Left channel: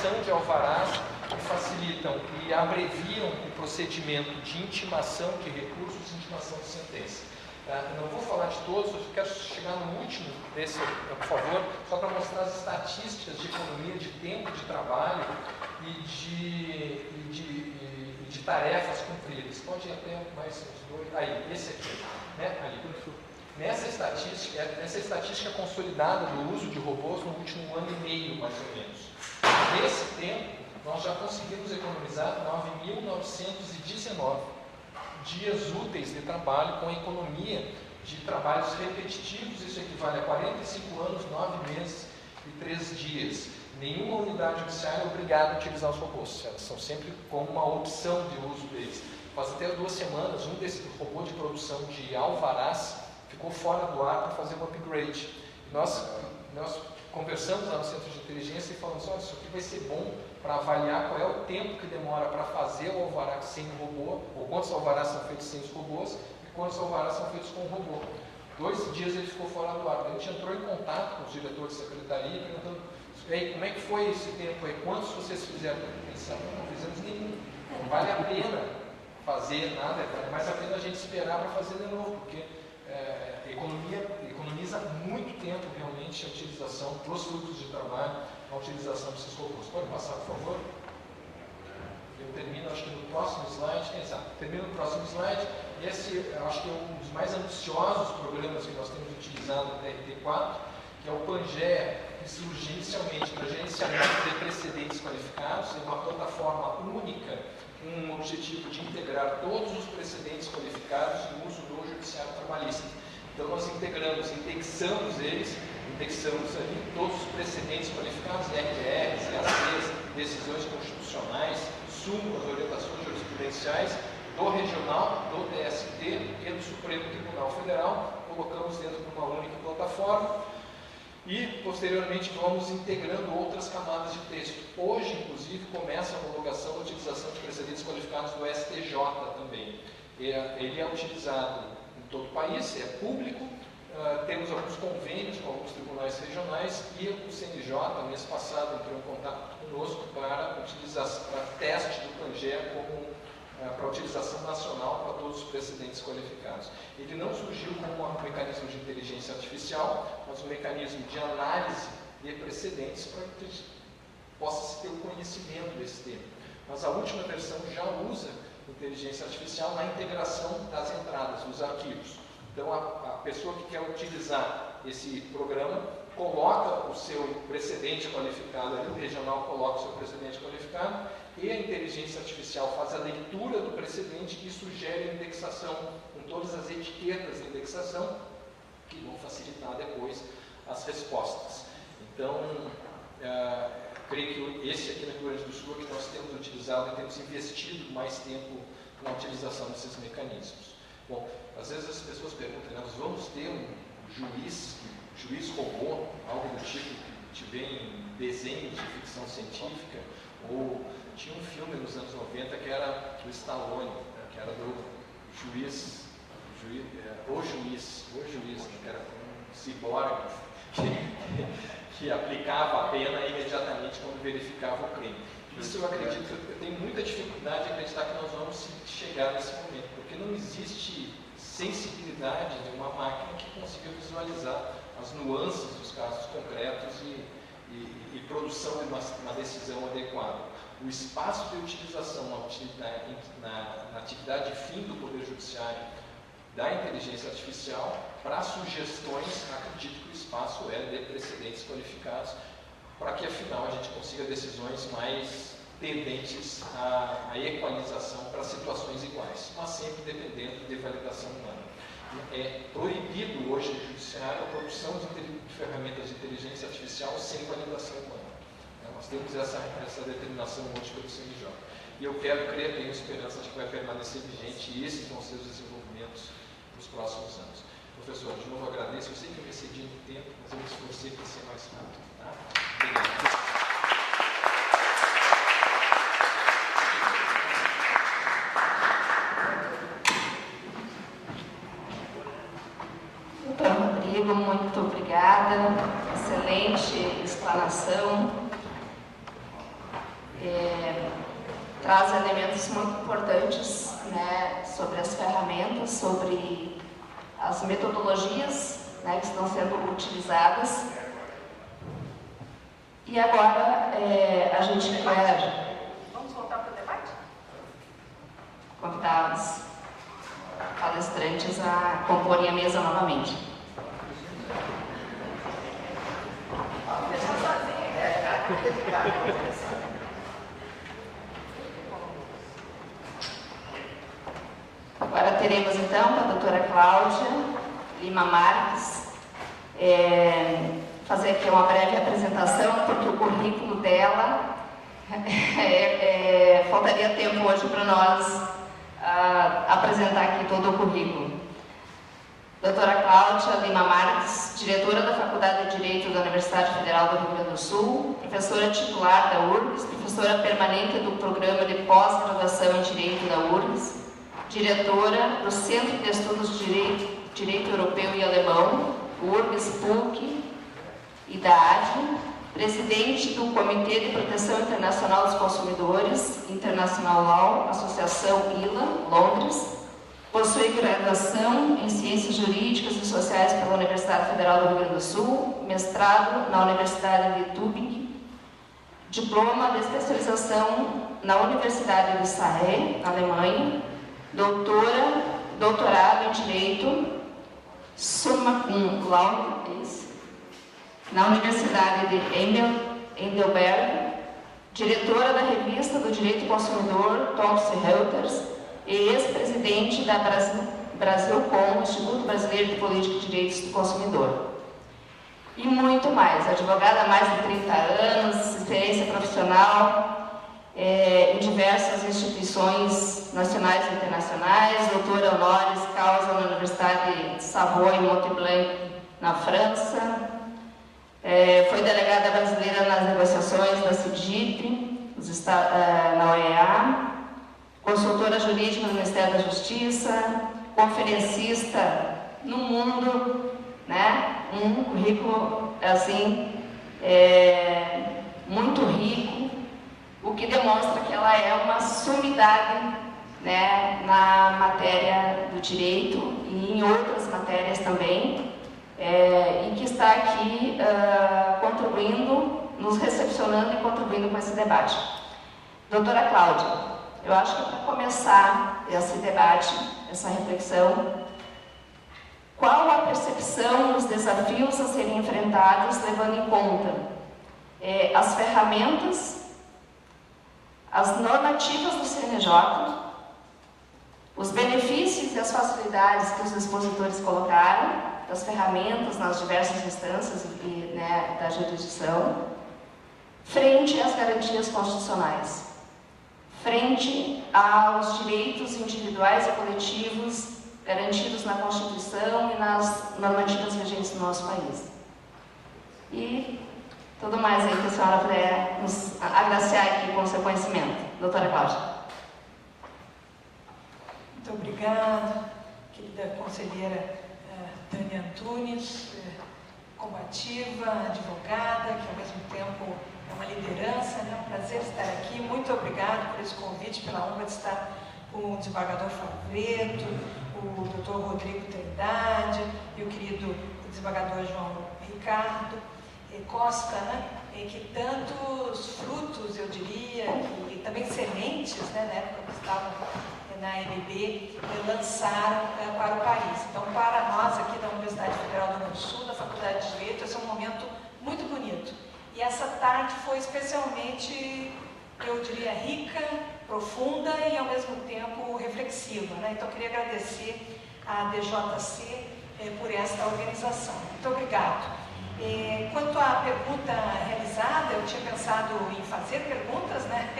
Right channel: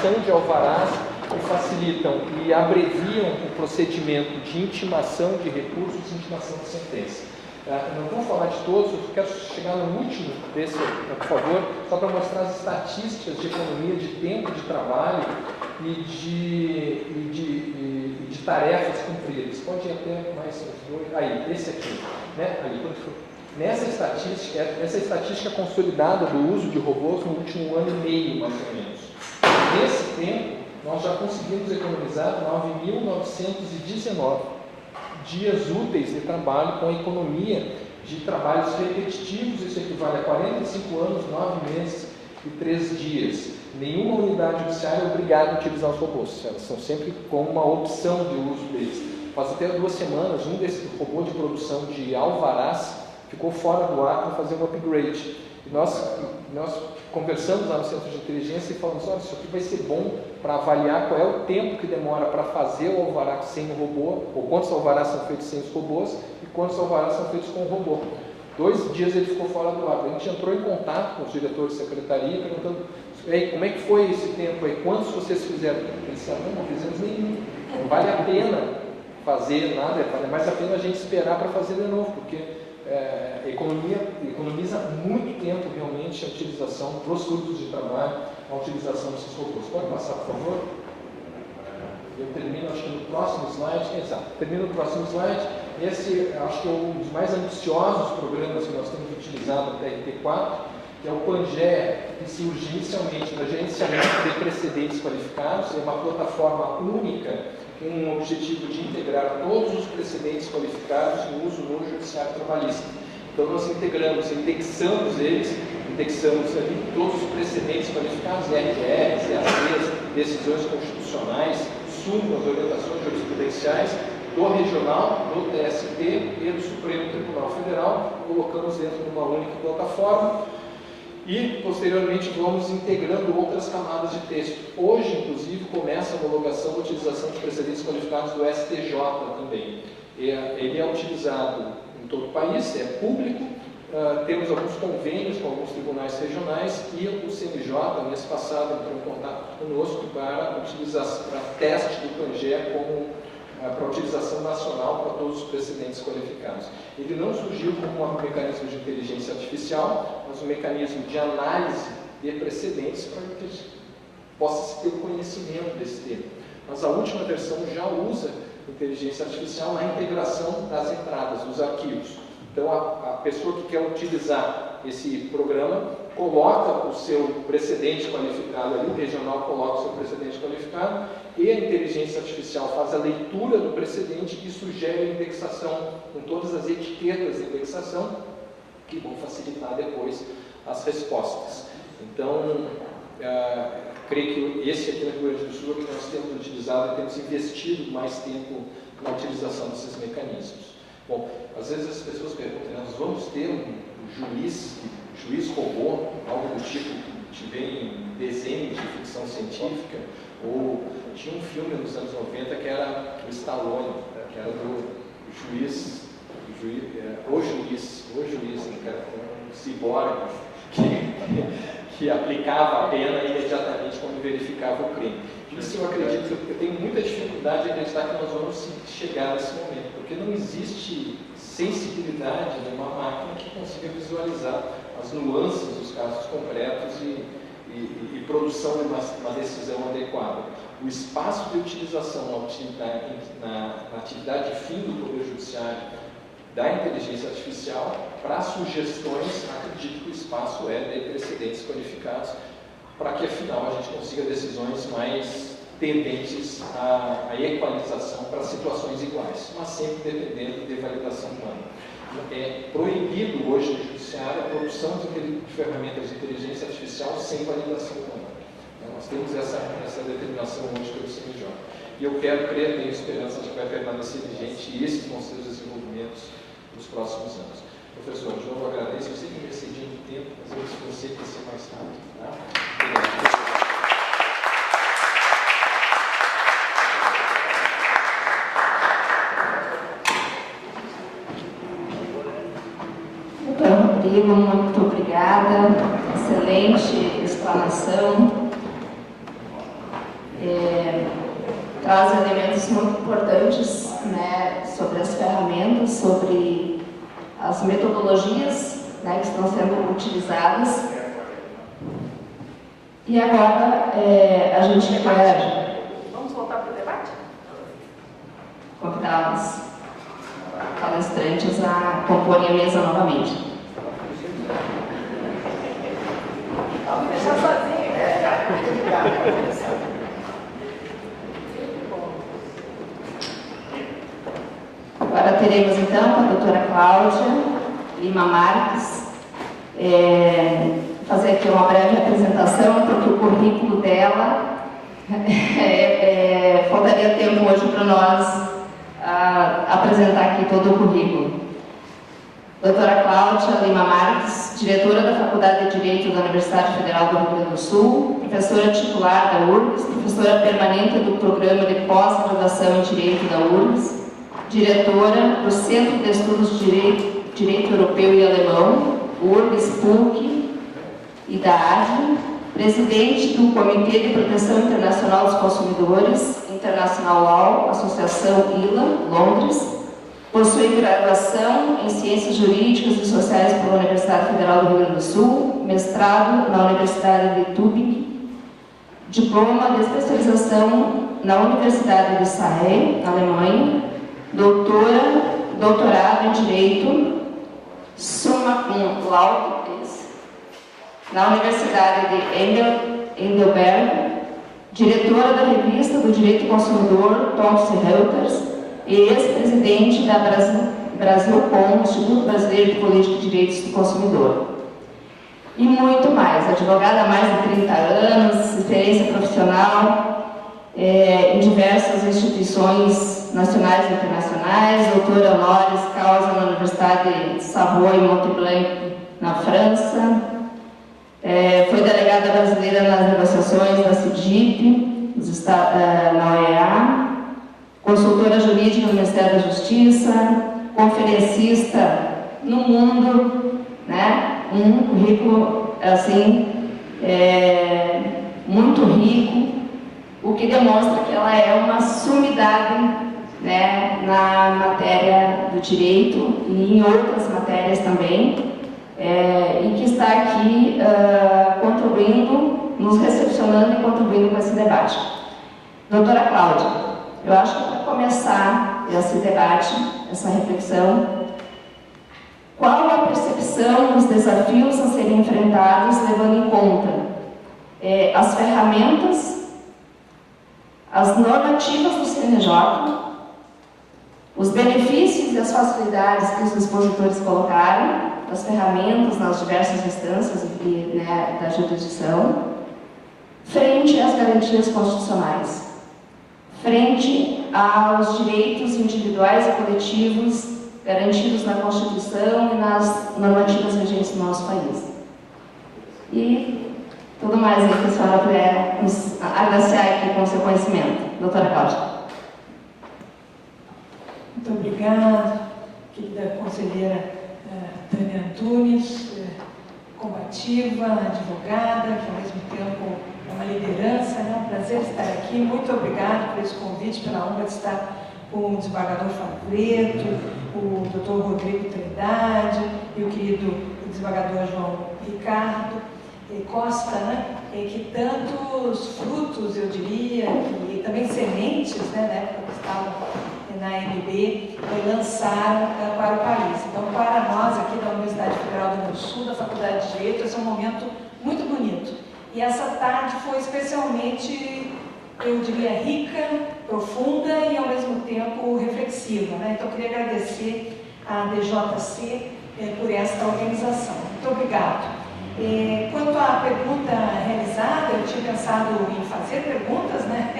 emissão de alvarás que facilitam e abreviam o procedimento de intimação de recursos e intimação de sentença. Não vou falar de todos, eu quero chegar no último desse, por favor, só para mostrar as estatísticas de economia de tempo de trabalho e de tarefas cumpridas. Pode ir até mais uns dois. Aí, esse aqui. Né? Aí, essa estatística consolidada do uso de robôs no último ano e meio, mais ou menos. Nesse tempo, nós já conseguimos economizar 9.919 dias úteis de trabalho com a economia de trabalhos repetitivos. Isso equivale a 45 anos, 9 meses e 3 dias. Nenhuma unidade judiciária é obrigada a utilizar os robôs. Elas são sempre como uma opção de uso deles. Faz até 2 semanas, um desses robôs de produção de alvarás ficou fora do ar para fazer um upgrade. E nós conversamos lá no Centro de Inteligência e falamos, olha, isso aqui vai ser bom para avaliar qual é o tempo que demora para fazer o alvará sem o robô, ou quantos alvarás são feitos sem os robôs e quantos alvarás são feitos com o robô. 2 dias ele ficou fora do ar. A gente entrou em contato com os diretores de secretaria, perguntando, como é que foi esse tempo aí? Quantos vocês fizeram? Eles disseram, não fizemos nenhum. Não vale a pena fazer nada, vale mais a pena a gente esperar para fazer de novo, porque economiza muito tempo realmente a utilização para os grupos de trabalho, a utilização desses robôs. Pode passar, por favor? Eu termino, acho que no próximo slide. Exato, termino no próximo slide. Esse, acho que é um dos mais ambiciosos programas que nós temos utilizado até RT4, que é o Pangea, que surge inicialmente para gerenciamento de precedentes qualificados. É uma plataforma única, com o objetivo de integrar todos os precedentes qualificados em uso no judiciário trabalhista. Então, nós indexamos ali todos os precedentes qualificados, RGRs, EACs, decisões constitucionais, súmulas, orientações jurisprudenciais, do Regional, do TST e do Supremo Tribunal Federal, colocamos dentro de uma única plataforma e, posteriormente, vamos integrando outras camadas de texto. Hoje, inclusive, começa a homologação da utilização de precedentes qualificados do STJ também. Ele é utilizado em todo o país, é público, temos alguns convênios com alguns tribunais regionais e o CNJ, no mês passado, entrou em contato conosco para teste do Pangea para utilização nacional para todos os precedentes qualificados. Ele não surgiu como um mecanismo de inteligência artificial, mas um mecanismo de análise de precedentes para que a gente possa ter o conhecimento desse tema. Mas a última versão já usa inteligência artificial na integração das entradas, dos arquivos. Então, a pessoa que quer utilizar esse programa coloca o seu precedente qualificado ali, o regional coloca o seu precedente qualificado e a inteligência artificial faz a leitura do precedente e sugere a indexação com todas as etiquetas de indexação que vão facilitar depois as respostas. Então, creio que esse aqui na Rio Grande do Sul é que nós temos utilizado e temos investido mais tempo na utilização desses mecanismos. Bom, às vezes as pessoas perguntam, nós vamos ter um juiz robô, algo do tipo que vem em desenho de ficção científica, ou tinha um filme nos anos 90 que era do Stallone, que era do juiz, o juiz, que era um ciborgue que aplicava a pena imediatamente quando verificava o crime. Isso eu acredito, eu tenho muita dificuldade de acreditar que nós vamos chegar nesse momento, porque não existe sensibilidade de uma máquina que consiga visualizar as nuances dos casos concretos e produção de uma decisão adequada. O espaço de utilização na atividade fim do Poder Judiciário da inteligência artificial para sugestões, acredito que o espaço é de precedentes qualificados para que, afinal, a gente consiga decisões mais tendentes à equalização para situações iguais, mas sempre dependendo de validação humana. É proibido hoje no Judiciário a produção de ferramentas de inteligência artificial sem validação humana. Nós temos essa determinação hoje pelo CNJ. E eu quero crer, tenho esperança de que vai permanecer vigente e esses vão ser os desenvolvimentos nos próximos anos. Professor, de novo eu agradeço. Eu sei que eu excedi de tempo, mas eu esforcei para ser mais rápido. Tá? Rodrigo, muito obrigada. Excelente explanação. traz elementos muito importantes, né, sobre as ferramentas, sobre as metodologias, né, que estão sendo utilizadas. E agora a gente quer... Vamos voltar para o debate? Convidar os palestrantes a compor a mesa novamente. Vamos me deixar sozinho. Agora teremos então com a doutora Cláudia Lima Marques fazer aqui uma breve apresentação, porque o currículo dela faltaria tempo hoje para nós apresentar aqui todo o currículo. Doutora Cláudia Lima Marques, diretora da Faculdade de Direito da Universidade Federal do Rio Grande do Sul, professora titular da URGS, professora permanente do Programa de Pós-Graduação em Direito da URGS, diretora do Centro de Estudos de Direito Europeu e Alemão, URGS PUC e da ADI, presidente do Comitê de Proteção Internacional dos Consumidores, International Law, Associação ILA, Londres, possui graduação em Ciências Jurídicas e Sociais pela Universidade Federal do Rio Grande do Sul, mestrado na Universidade de Tübingen, diploma de especialização na Universidade de Sarre, na Alemanha, doutorado em Direito, summa cum laude, na Universidade de Heidelberg, diretora da Revista do Direito Consumidor, Thomson Reuters, e ex-presidente da Brasilcom, Instituto Brasileiro de Política de Direitos do Consumidor. E muito mais, advogada há mais de 30 anos, experiência profissional em diversas instituições nacionais e internacionais, doutora honoris causa na Universidade de Savoie-Montblanc, na França, foi delegada brasileira nas negociações da CIDIP, na OEA, consultora jurídica do Ministério da Justiça, conferencista no mundo, né? Um currículo assim muito rico, o que demonstra que ela é uma sumidade, né, na matéria do direito e em outras matérias também, e que está aqui contribuindo, nos recepcionando e contribuindo com esse debate. Doutora Cláudia, eu acho que para começar esse debate, essa reflexão, qual a percepção dos desafios a serem enfrentados, levando em conta as ferramentas, as normativas do CNJ, os benefícios e as facilidades que os expositores colocaram, das ferramentas nas diversas instâncias da jurisdição, frente às garantias constitucionais, frente aos direitos individuais e coletivos garantidos na Constituição e nas normativas vigentes no nosso país. E tudo mais aí que a senhora puder nos agraciar aqui com o seu conhecimento. Doutora Cláudia. Muito obrigada, querida conselheira Tânia Antunes, combativa, advogada, que ao mesmo tempo é uma liderança, né? Um prazer estar aqui. Muito obrigada por esse convite, pela honra de estar com o desembargador Favreto, o doutor Rodrigo Trindade e o querido desembargador João Ricardo Costa, né? Que tantos frutos, eu diria, e também sementes, né, na época que estavam na AMB, lançaram para o país. Então, para nós aqui da Universidade Federal do Rio Grande do Sul, da Faculdade de Direito, esse é um momento muito bonito. E essa tarde foi especialmente, eu diria, rica, profunda e ao mesmo tempo reflexiva, né? Então, eu queria agradecer à DJC por esta organização. Muito obrigado. Quanto à pergunta realizada, eu tinha pensado em fazer perguntas, né,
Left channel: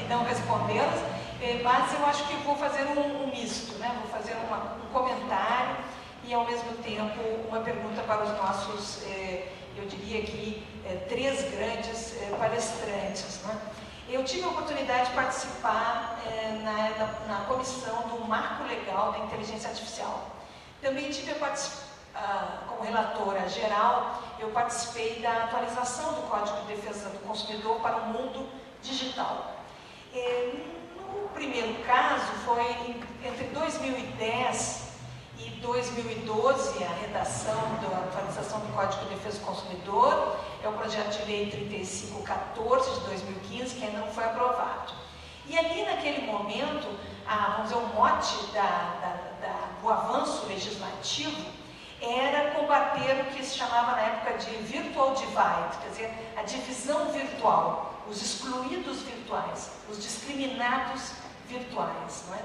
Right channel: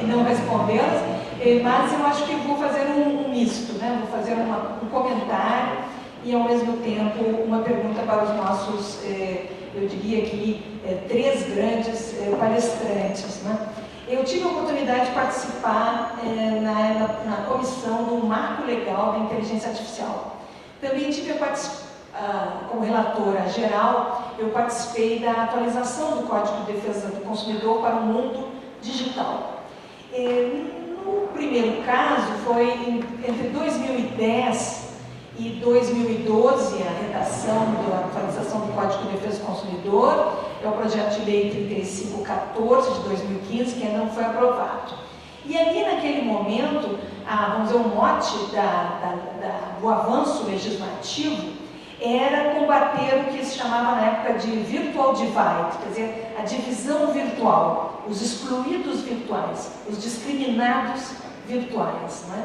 e não respondê-las, mas eu acho que vou fazer um misto, né, vou fazer um comentário e ao mesmo tempo uma pergunta para os nossos, eu diria aqui, três grandes palestrantes, né. Eu tive a oportunidade de participar na comissão do Marco Legal da Inteligência Artificial. Também tive a participação, como relatora geral, eu participei da atualização do Código de Defesa do Consumidor para o mundo digital. digital. No primeiro caso, foi entre 2010 e 2012, a redação da atualização do Código de Defesa do Consumidor, é o projeto de lei 3514 de 2015, que ainda não foi aprovado. E ali, naquele momento, vamos dizer, o mote do avanço legislativo era combater o que se chamava na época de virtual divide, quer dizer, a divisão virtual, os excluídos virtuais, os discriminados virtuais. Não é?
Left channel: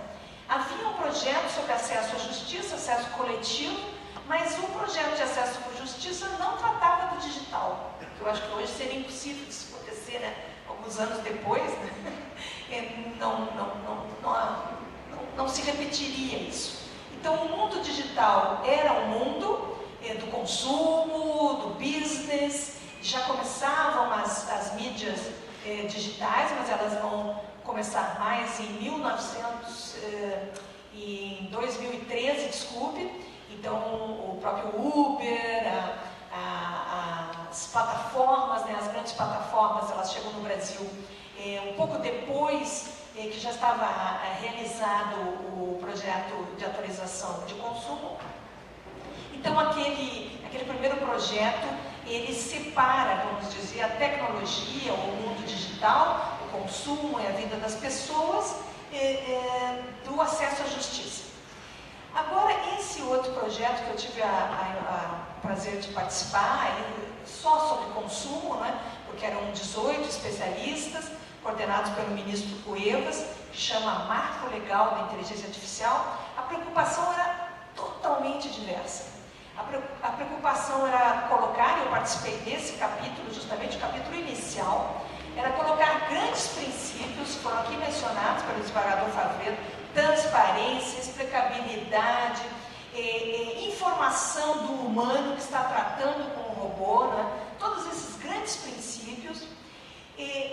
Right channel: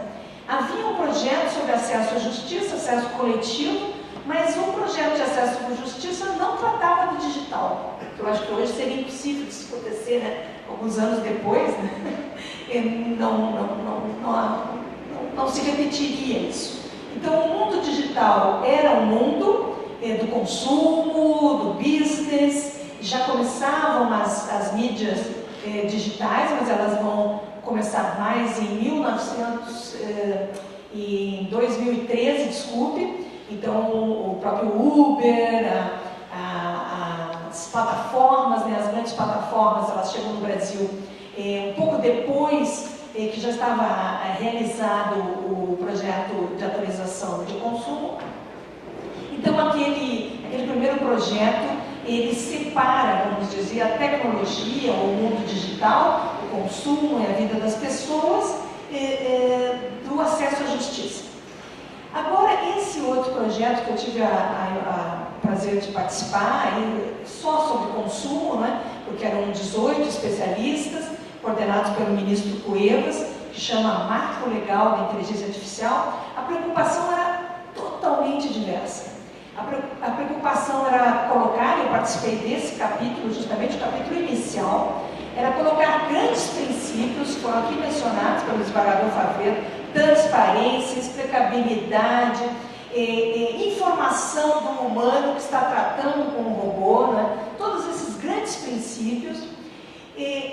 Havia um projeto sobre acesso à justiça, acesso coletivo, mas o projeto de acesso à justiça não tratava do digital. Eu acho que hoje seria impossível isso acontecer, né? Alguns anos depois, né? Não se repetiria isso. Então, o mundo digital era um mundo do consumo, do business, já começavam as mídias digitais, mas elas vão começar mais em 2013, desculpe. Então, o próprio Uber, as plataformas, né, as grandes plataformas, elas chegam no Brasil um pouco depois que já estava realizado o projeto de atualização de consumo. Então, aquele primeiro projeto, ele separa, vamos dizer, a tecnologia, o mundo digital, o consumo e a vida das pessoas, do acesso à justiça. Agora, esse outro projeto que eu tive o prazer de participar, só sobre consumo, né, porque eram 18 especialistas, coordenados pelo ministro Cuevas, que chama Marco Legal da Inteligência Artificial, a preocupação era totalmente diversa. A preocupação era colocar, eu participei desse capítulo, justamente o capítulo inicial, era colocar grandes princípios, foram aqui mencionados pelo desembargador Favreto, transparência, explicabilidade, informação do humano que está tratando com o robô, né? Todos esses grandes princípios,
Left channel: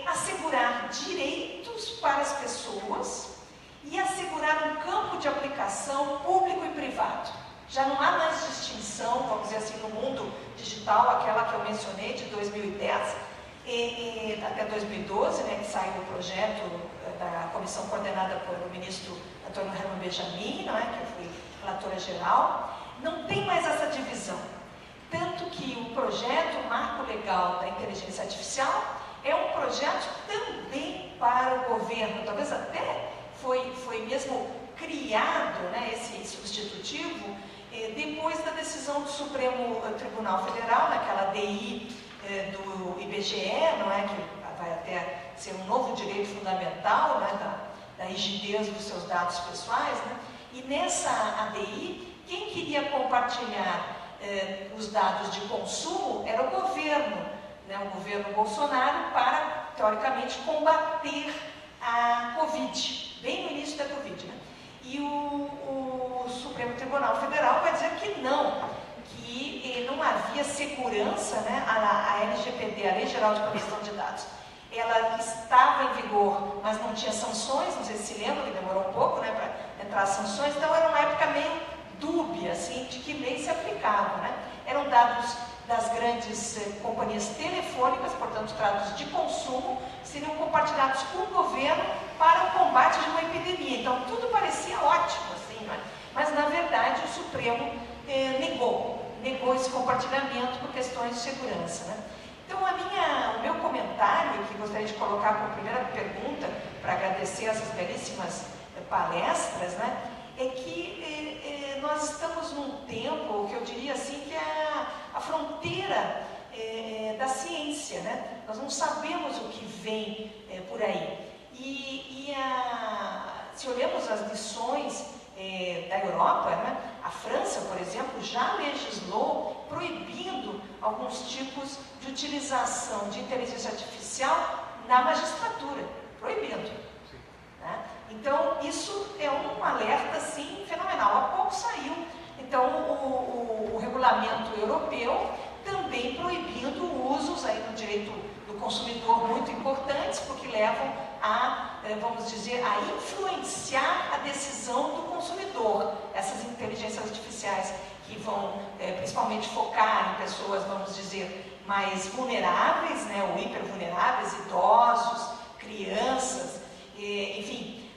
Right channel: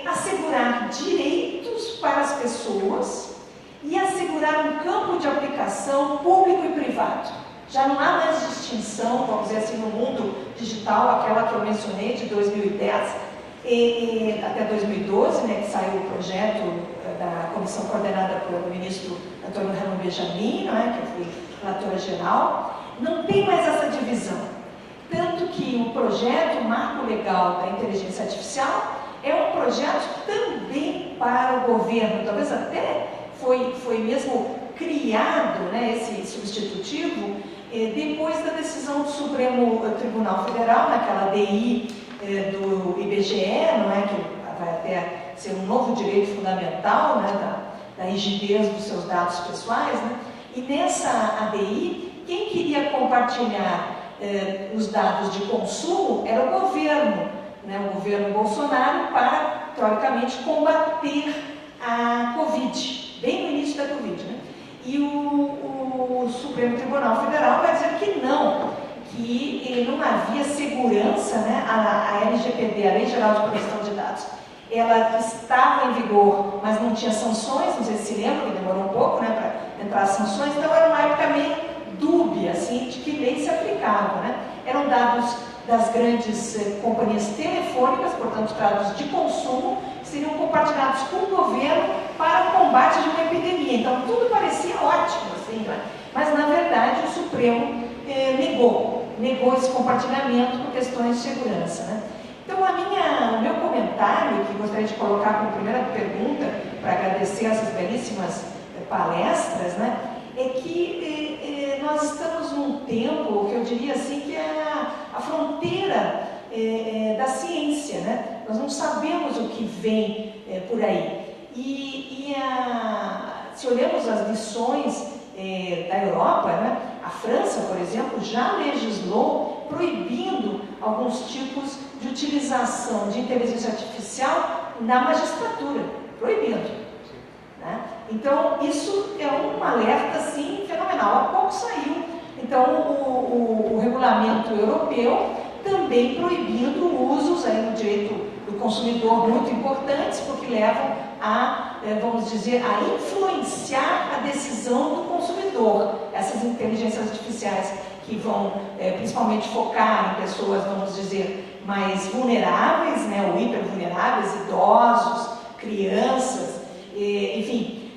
assegurar direitos para as pessoas e assegurar um campo de aplicação público e privado. Já não há mais distinção, vamos dizer assim, no mundo digital, aquela que eu mencionei de 2010 até 2012, né, que saiu o projeto da comissão coordenada pelo ministro Antônio Herman Benjamin, né, que eu fui relatora geral. Não tem mais essa divisão. Tanto que o projeto Marco Legal da Inteligência Artificial é um projeto também para o governo, talvez até foi mesmo criado, né, esse substitutivo, depois da decisão do Supremo Tribunal Federal, naquela DI do IBGE, não é, que vai até ser um novo direito fundamental, né, da rigidez dos seus dados pessoais, né, e nessa ADI, quem queria compartilhar os dados de consumo era o governo, né, o governo Bolsonaro, para, teoricamente, combater a Covid, bem no início da Covid, né? E o Supremo Tribunal Federal vai dizer que não havia segurança, né? A LGPD, a Lei Geral de Proteção de Dados, ela estava em vigor, mas não tinha sanções, não sei se lembra, que demorou um pouco, né, para entrar as sanções, então era uma época meio dúbia, assim, de que lei se aplicava, né? Eram dados das grandes companhias telefônicas, portanto, dados de consumo, que seriam compartilhados com o governo para o combate de uma epidemia. Então, tudo parecia ótimo, assim, né? Mas, na verdade, o Supremo negou esse compartilhamento por questões de segurança, né? Então, o meu comentário, que gostaria de colocar como primeira pergunta, para agradecer essas belíssimas palestras, né, é que nós estamos num tempo que eu diria assim que é a fronteira da ciência, né? Nós não sabemos o que vem por aí. Se olhamos as lições da Europa, né, a França, por exemplo, já legislou proibindo alguns tipos de utilização de inteligência artificial na magistratura, proibindo, né? Então, isso é um alerta, assim, fenomenal. Há pouco saiu, então, o regulamento europeu também proibindo usos aí no direito do consumidor muito importantes, porque levam vamos dizer, a influenciar a decisão do consumidor. Essas inteligências artificiais que vão principalmente focar em pessoas, vamos dizer, mais vulneráveis, né, ou hipervulneráveis, idosos, crianças, enfim,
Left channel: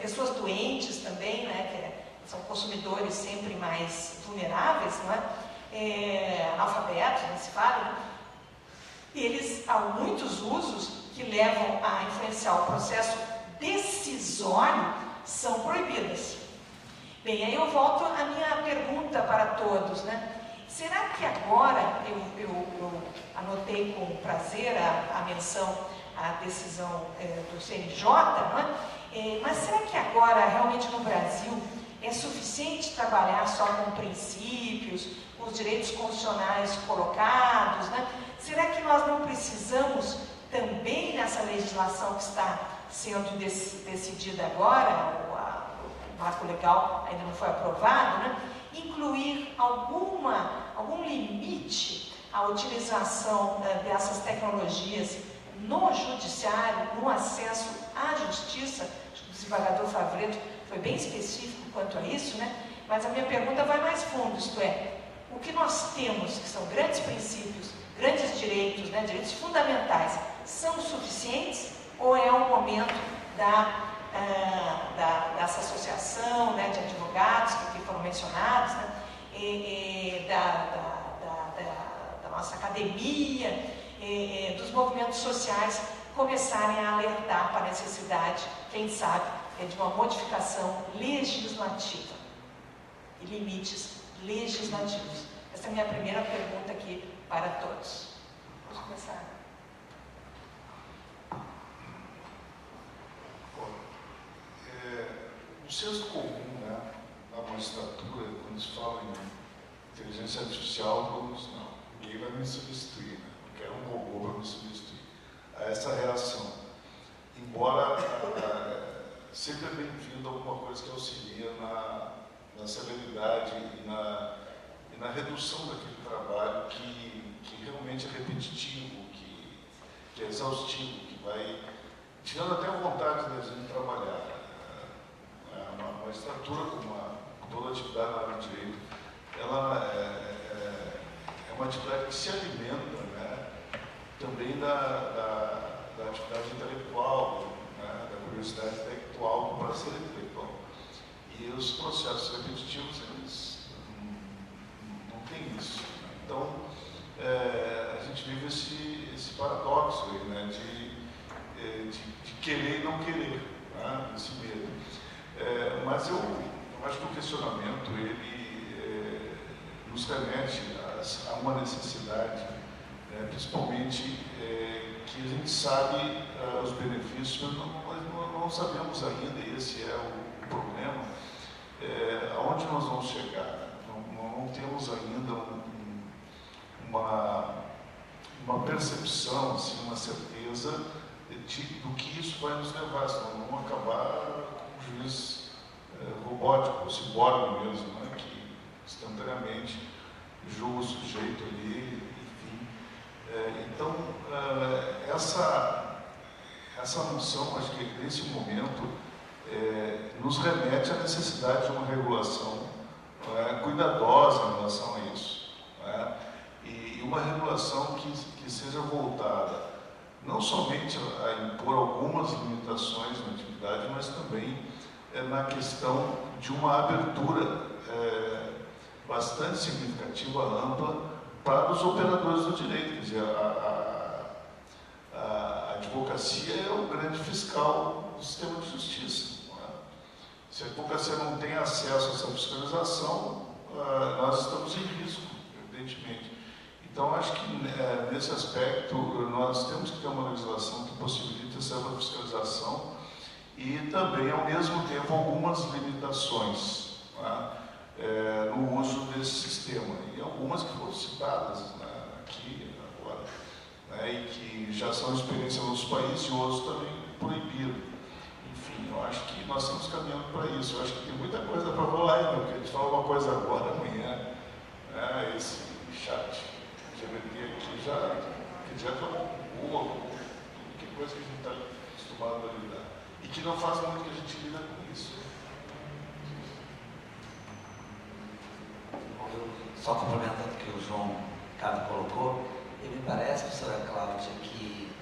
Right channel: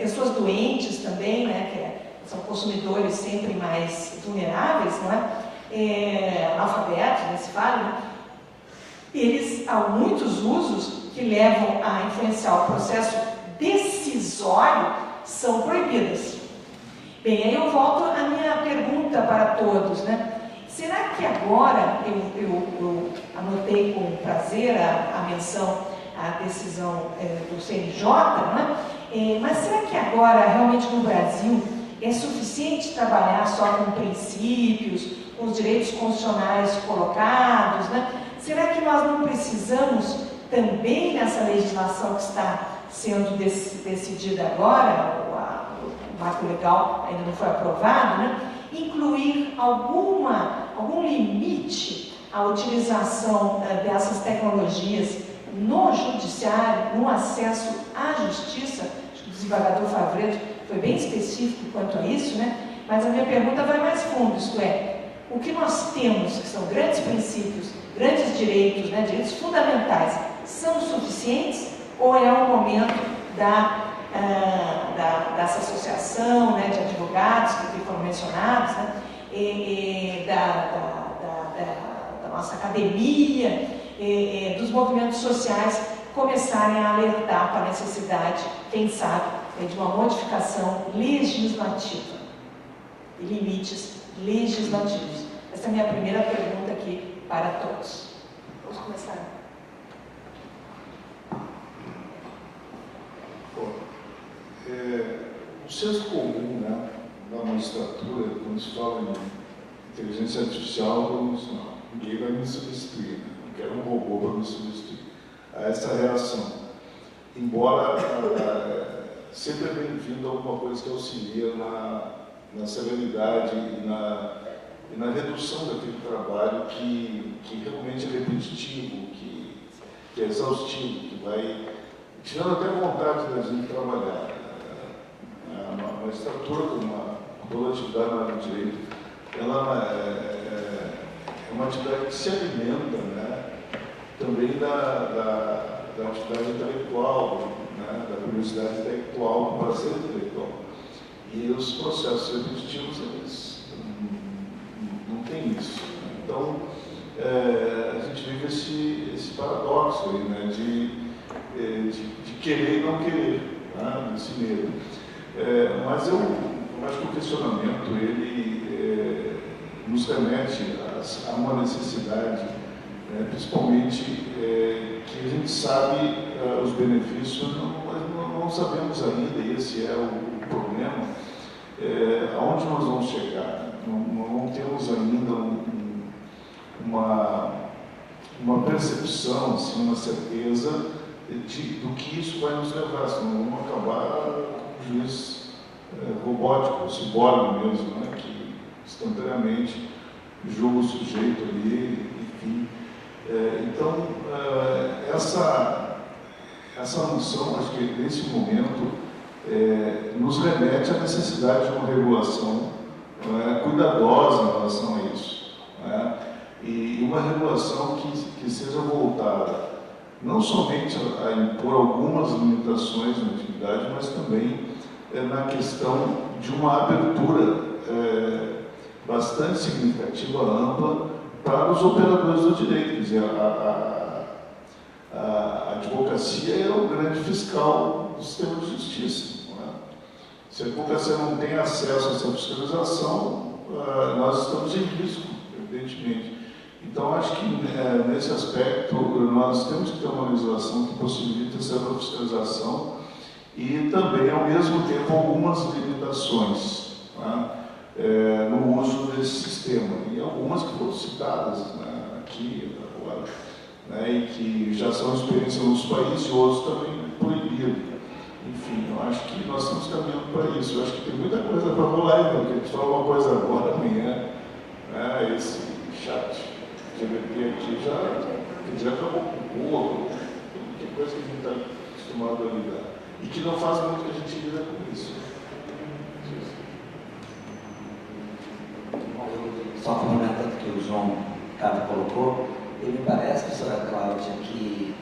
pessoas doentes também, né, que são consumidores sempre mais vulneráveis, não é? Analfabetos, né, se fala, né? Eles, há muitos usos que levam a influenciar o processo decisório, são proibidas. Bem, aí eu volto à minha pergunta para todos, né? Será que agora, eu anotei com prazer a menção, a decisão do CNJ, né? Mas será que agora, realmente no Brasil, é suficiente trabalhar só com princípios, com os direitos constitucionais colocados, né? Será que nós não precisamos também nessa legislação que está sendo decidida agora, o marco legal ainda não foi aprovado, né? Incluir algum limite à utilização dessas tecnologias no judiciário, no acesso à justiça? Acho que o desembargador Favreto foi bem específico quanto a isso, né? Mas a minha pergunta vai mais fundo, isto é, o que nós temos, que são grandes princípios, grandes direitos, né, direitos fundamentais, são suficientes ou é o momento dessa associação, né, de advogados que aqui foram mencionados, né, da nossa academia, dos movimentos sociais começarem a alertar para a necessidade, quem sabe, de uma modificação legislativa e limites legislativos? Essa é a minha primeira pergunta aqui para todos. Vamos começar. O senso comum, né, da magistratura, quando se fala em inteligência artificial, ninguém vai me substituir, né? Não quero um robô para me substituir. Há essa reação. Embora sempre é bem-vindo alguma coisa que auxilia na celeridade e na redução daquele trabalho que realmente é repetitivo, que é exaustivo, que vai tirando até a vontade da gente trabalhar. A magistratura, como toda atividade na área do direito, ela é uma atividade que se alimenta, né, também da atividade intelectual, né, da curiosidade intelectual, do prazer intelectual. E os processos repetitivos, eles não têm isso. Então, a gente vive esse paradoxo aí, né, de querer e não querer, né, esse medo. Mas eu acho que o questionamento, ele nos remete a uma necessidade, principalmente que a gente sabe os benefícios, mas não sabemos ainda, e esse é o problema, aonde nós vamos chegar. Não temos ainda uma percepção, assim, uma certeza do que isso vai nos levar, senão vamos acabar com um juiz robótico, ciborgue mesmo, né, que instantaneamente julga o sujeito ali, enfim. Então, essa noção, acho que nesse momento, nos remete à necessidade de uma regulação cuidadosa em relação a isso, né? E uma regulação que seja voltada não somente a impor algumas limitações na atividade, mas também na questão de uma abertura bastante significativa, ampla, para os operadores do direito. Quer dizer, a advocacia é o grande fiscal do sistema de justiça. Não é? Se a advocacia não tem acesso a essa fiscalização, nós estamos em risco, evidentemente. Então, acho que nesse aspecto nós temos que ter uma legislação que possibilite essa fiscalização e também, ao mesmo tempo, algumas limitações, né, no uso desse sistema. E algumas que foram citadas, né, aqui agora, né, e que já são experiências em outros países e outros também proibiram. Enfim, eu acho que nós estamos caminhando para isso. Eu acho que tem muita coisa para rolar aí, porque a gente fala uma coisa agora, amanhã, né, esse chat GPT aqui já acabou com o outro, tudo que é coisa que a gente está acostumado a lidar. E que não faz muito que a gente lida com isso. Só complementando o que o João Carlos colocou, ele parece, professora Cláudia, que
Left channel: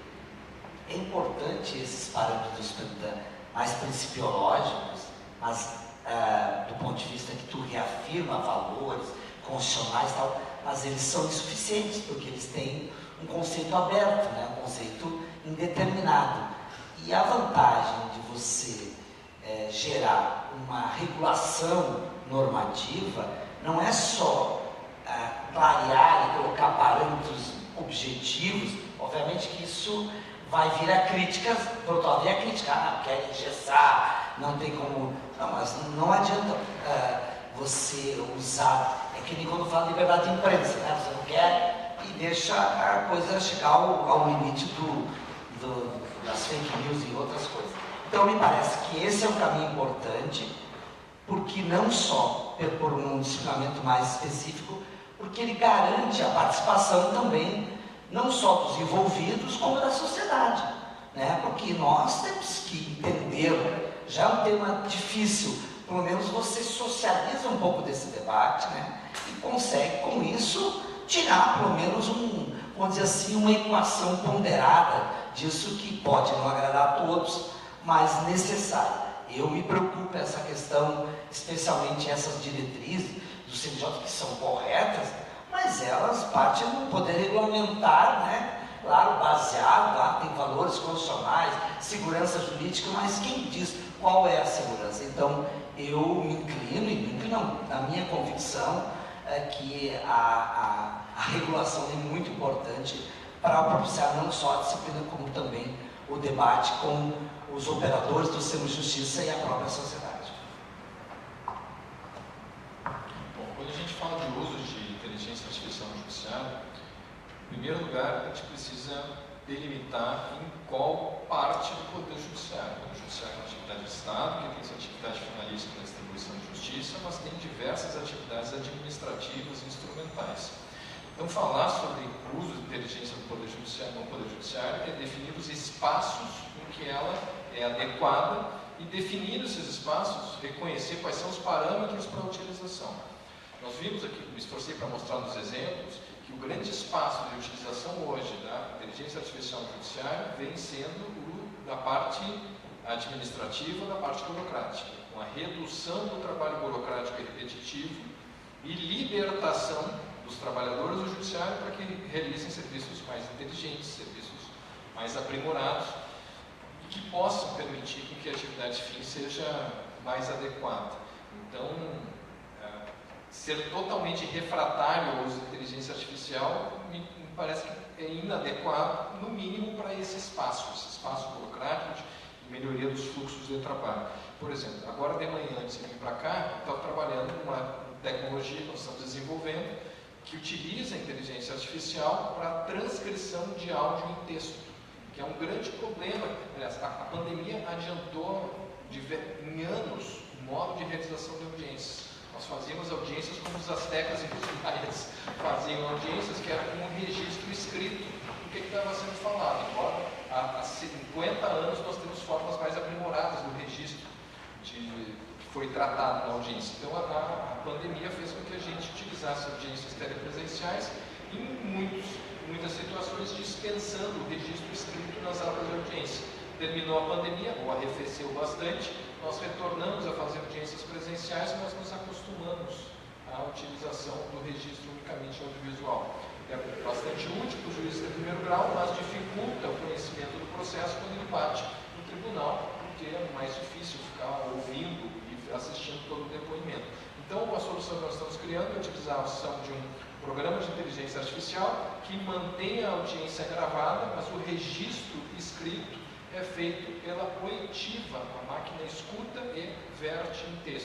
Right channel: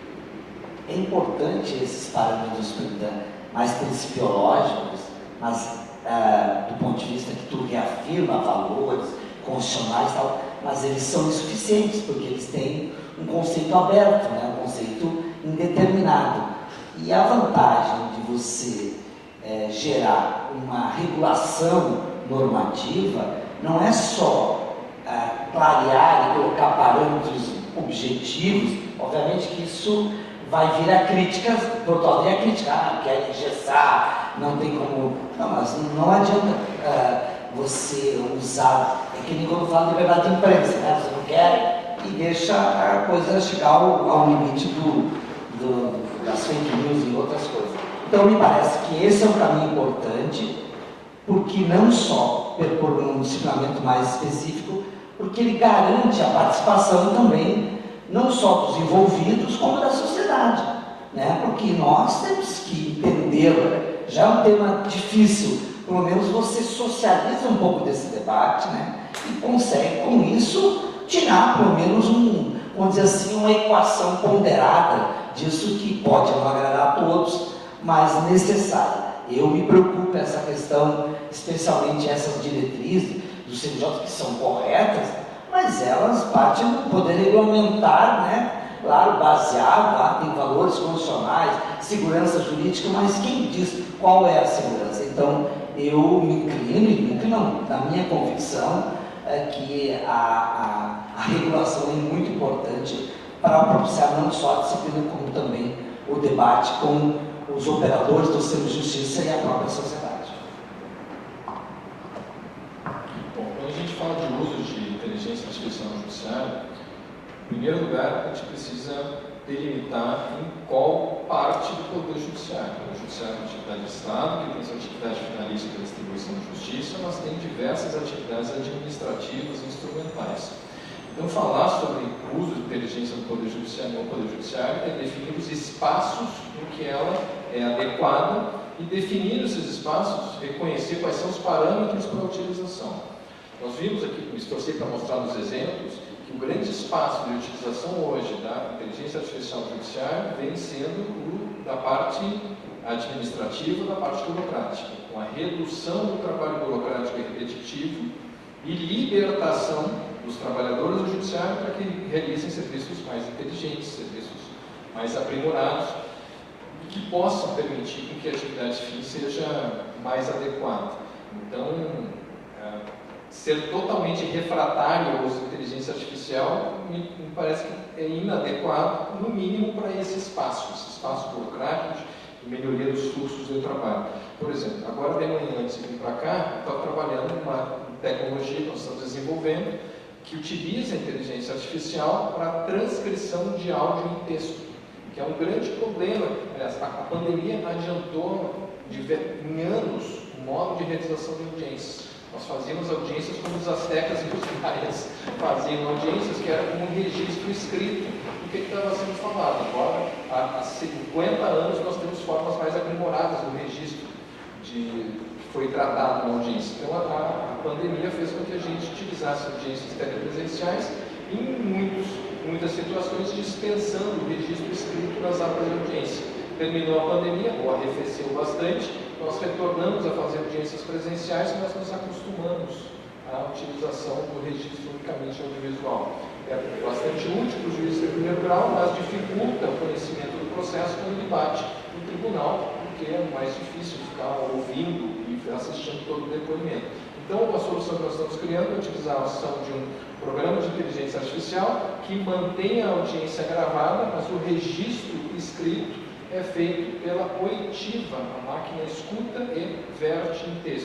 É importante esses parâmetros mais principiológicos, mas do ponto de vista que tu reafirma valores constitucionais e tal, mas eles são insuficientes, porque eles têm um conceito aberto, né? Um conceito indeterminado. E a vantagem de você gerar uma regulação normativa não é só clarear e colocar parâmetros objetivos. Obviamente que isso vai vir a críticas, pode vir a criticar, quer engessar, não tem como... Não, mas não adianta você usar... É que nem quando fala de liberdade de imprensa, né? Você não quer e deixa a coisa chegar ao limite das fake news e outras coisas. Então, me parece que esse é um caminho importante, porque não só por um disciplinamento mais específico, porque ele garante a participação também, não só dos envolvidos, como da sociedade, né? Porque nós temos que entender, já é um tema difícil, pelo menos você socializa um pouco desse debate, né? E consegue, com isso, tirar pelo menos vamos dizer assim, uma equação ponderada disso que pode não agradar a todos, mas necessária. Eu me preocupo essa questão, especialmente essas diretrizes do CNJ que são corretas, mas elas partem do poder regulamentar, né? Claro, baseado, lá tem valores constitucionais, segurança jurídica, mas quem diz qual é a segurança? Então, eu me inclino, na minha convicção, que a regulação é muito importante para propiciar não só a disciplina, como também o debate com os operadores do sistema de justiça e a própria sociedade. Bom, quando a gente fala de uso de inteligência artificial no judiciário, em primeiro lugar, a gente precisa delimitar em qual parte do poder judiciário. O judiciário é uma atividade de Estado, que tem sua atividade finalista da distribuição de justiça, mas tem diversas atividades administrativas e instrumentais. Então, falar sobre o uso de inteligência no poder judiciário e no poder judiciário é definir os espaços em que ela é adequada e, definindo esses espaços, reconhecer quais são os parâmetros para a utilização. Nós vimos aqui, me esforcei para mostrar nos exemplos, que o grande espaço de utilização hoje da inteligência artificial no judiciário vem sendo da parte administrativa, da parte burocrática, com a redução do trabalho burocrático e repetitivo e libertação dos trabalhadores do judiciário para que realizem serviços mais inteligentes, serviços mais aprimorados e que possam permitir que a atividade fim seja mais adequada. Então, ser totalmente refratário ao uso de inteligência artificial me parece que é inadequado, no mínimo, para esse espaço burocrático de melhoria dos fluxos do trabalho. Por exemplo, agora de manhã, antes de vir para cá, eu estava trabalhando numa tecnologia que nós estamos desenvolvendo que utiliza a inteligência artificial para a transcrição de áudio em texto, que é um grande problema. Aliás, a pandemia adiantou em anos o modo de realização de audiências. Nós fazíamos audiências como os astecas e os maias faziam audiências, que era como um registro escrito do que estava sendo falado. Embora há 50 anos nós temos formas mais aprimoradas do registro que foi tratado na audiência. Então a pandemia fez com que a gente utilizasse audiências telepresenciais e em muitas situações dispensando o registro escrito nas atas de audiência. Terminou a pandemia, arrefeceu bastante, nós retornamos a fazer audiências presenciais, mas nos acostumamos à utilização do registro unicamente audiovisual. É bastante útil para o juiz de primeiro grau, mas dificulta o conhecimento do processo quando ele bate no tribunal, porque é mais difícil ficar ouvindo e assistindo todo o depoimento. Então, a solução que nós estamos criando é a utilização de um programa de inteligência artificial que mantém a audiência gravada, mas o registro escrito é feito pela oitiva, a máquina escuta e verte em texto.